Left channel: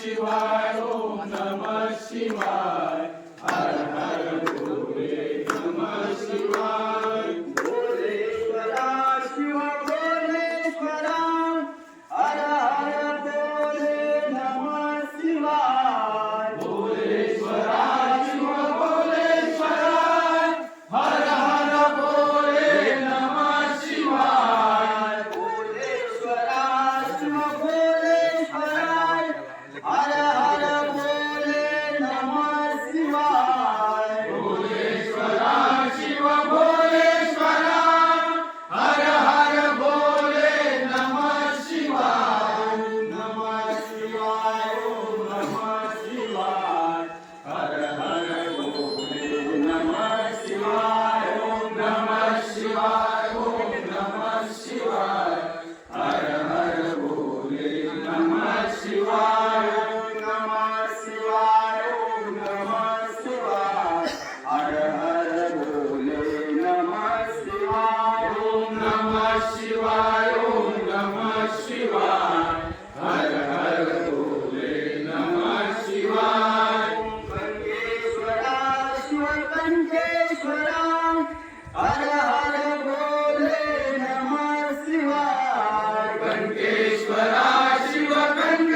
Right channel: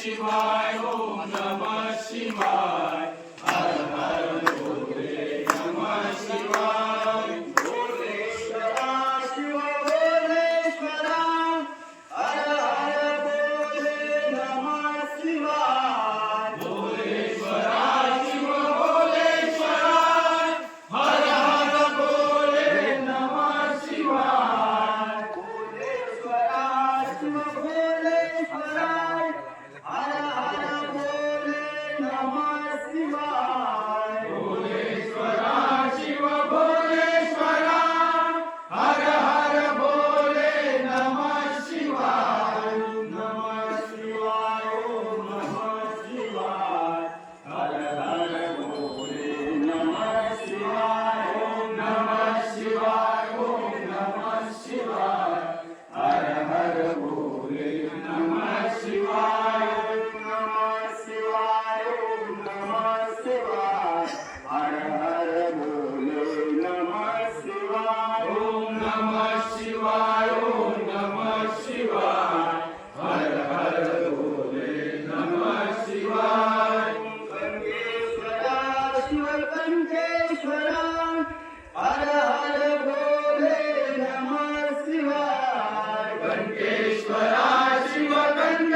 शिवाय ओम नमः शिवाय. Shiva Kanka.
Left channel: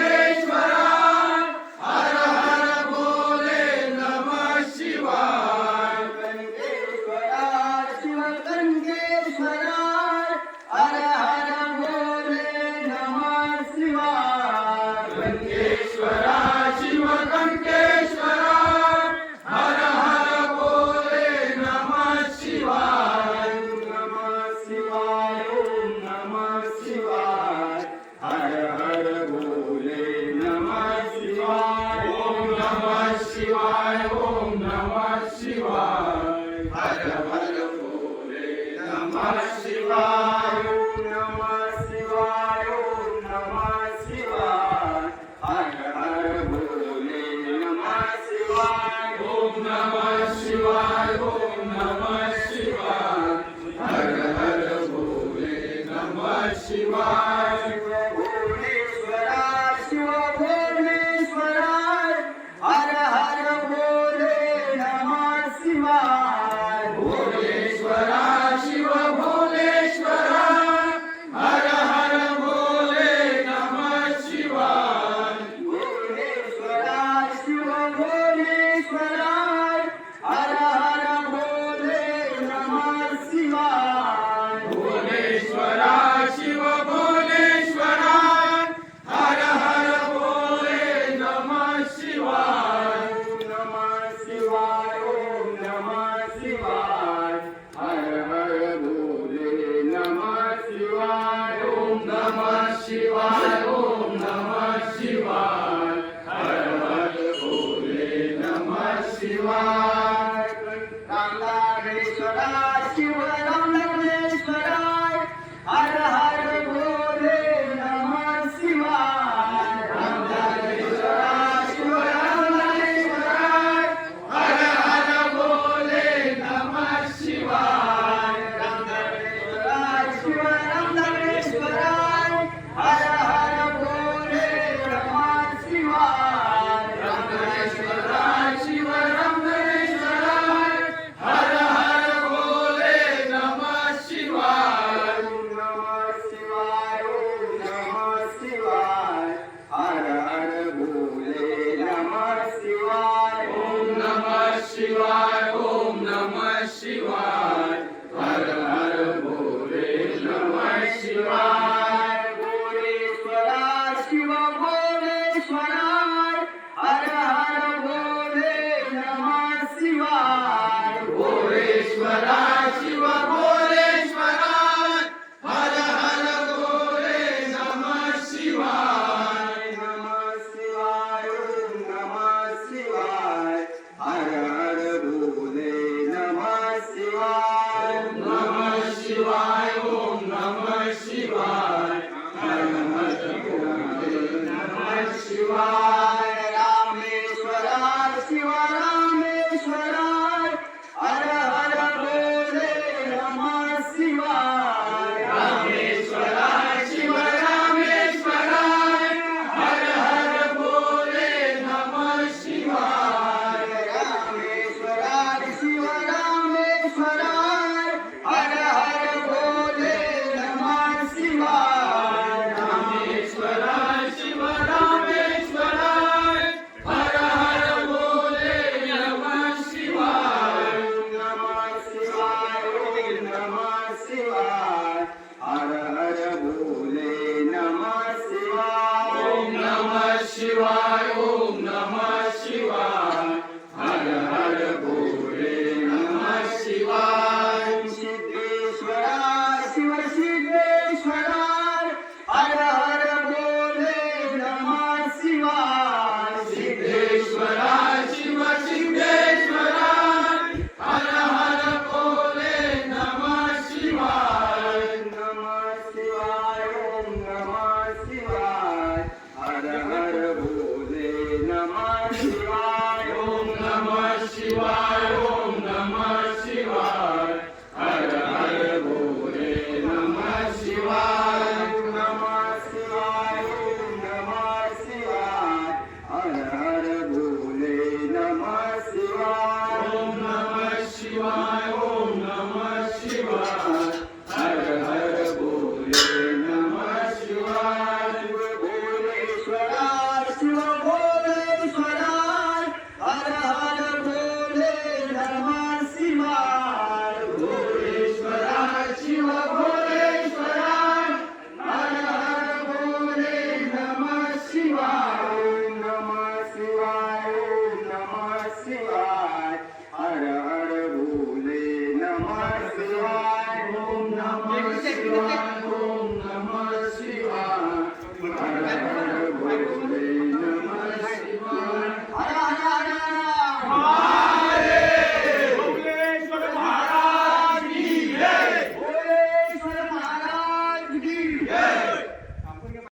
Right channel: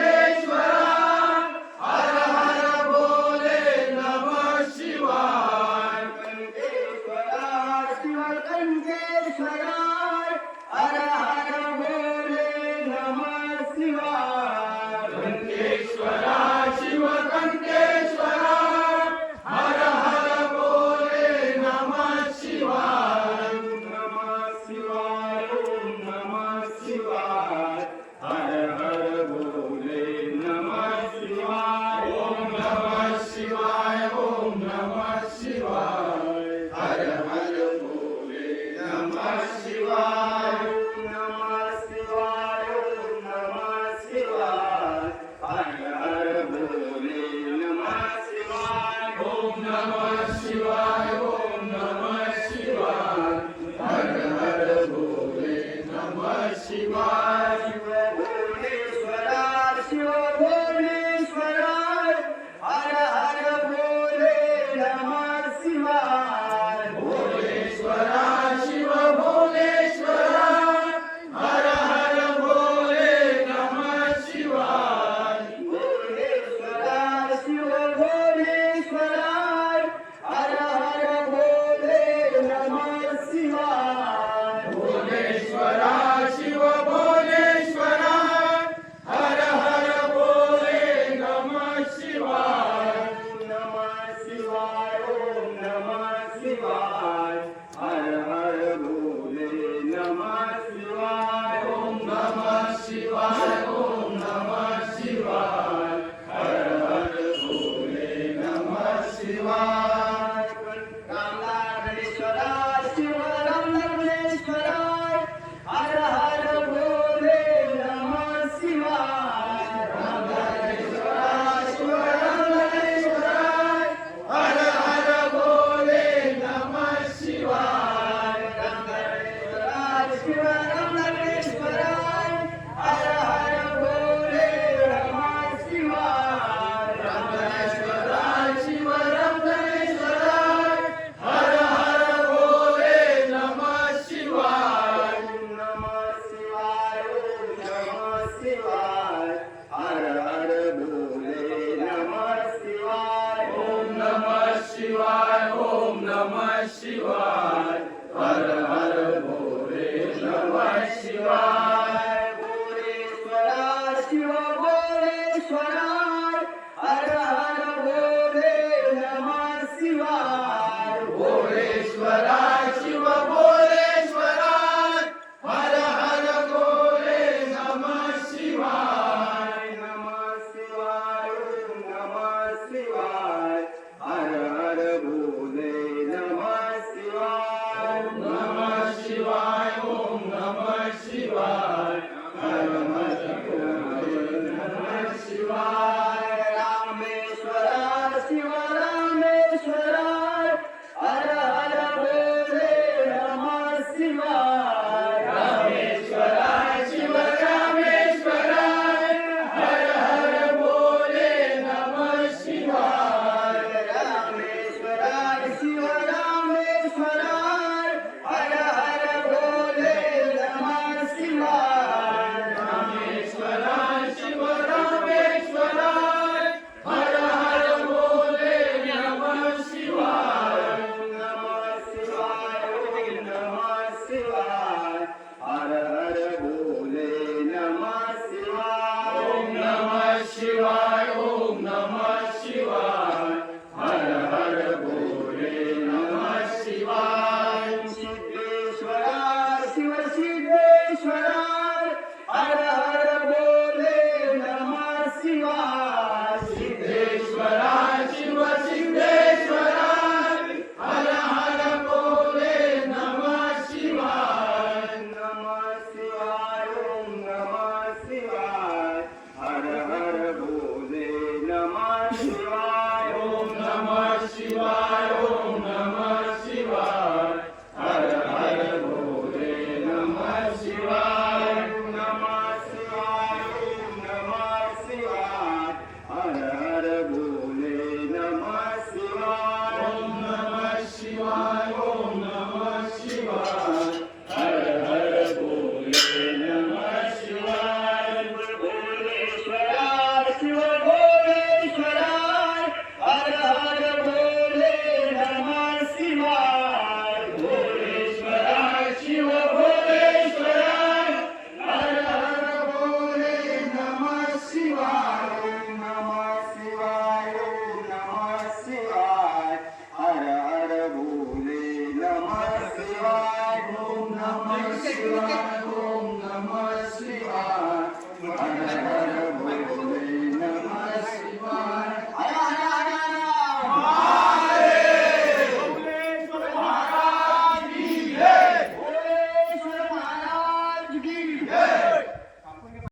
शिवाय Shiva Ram Ram Shivaya Hara Hara शिवाय भगवान Jesus, let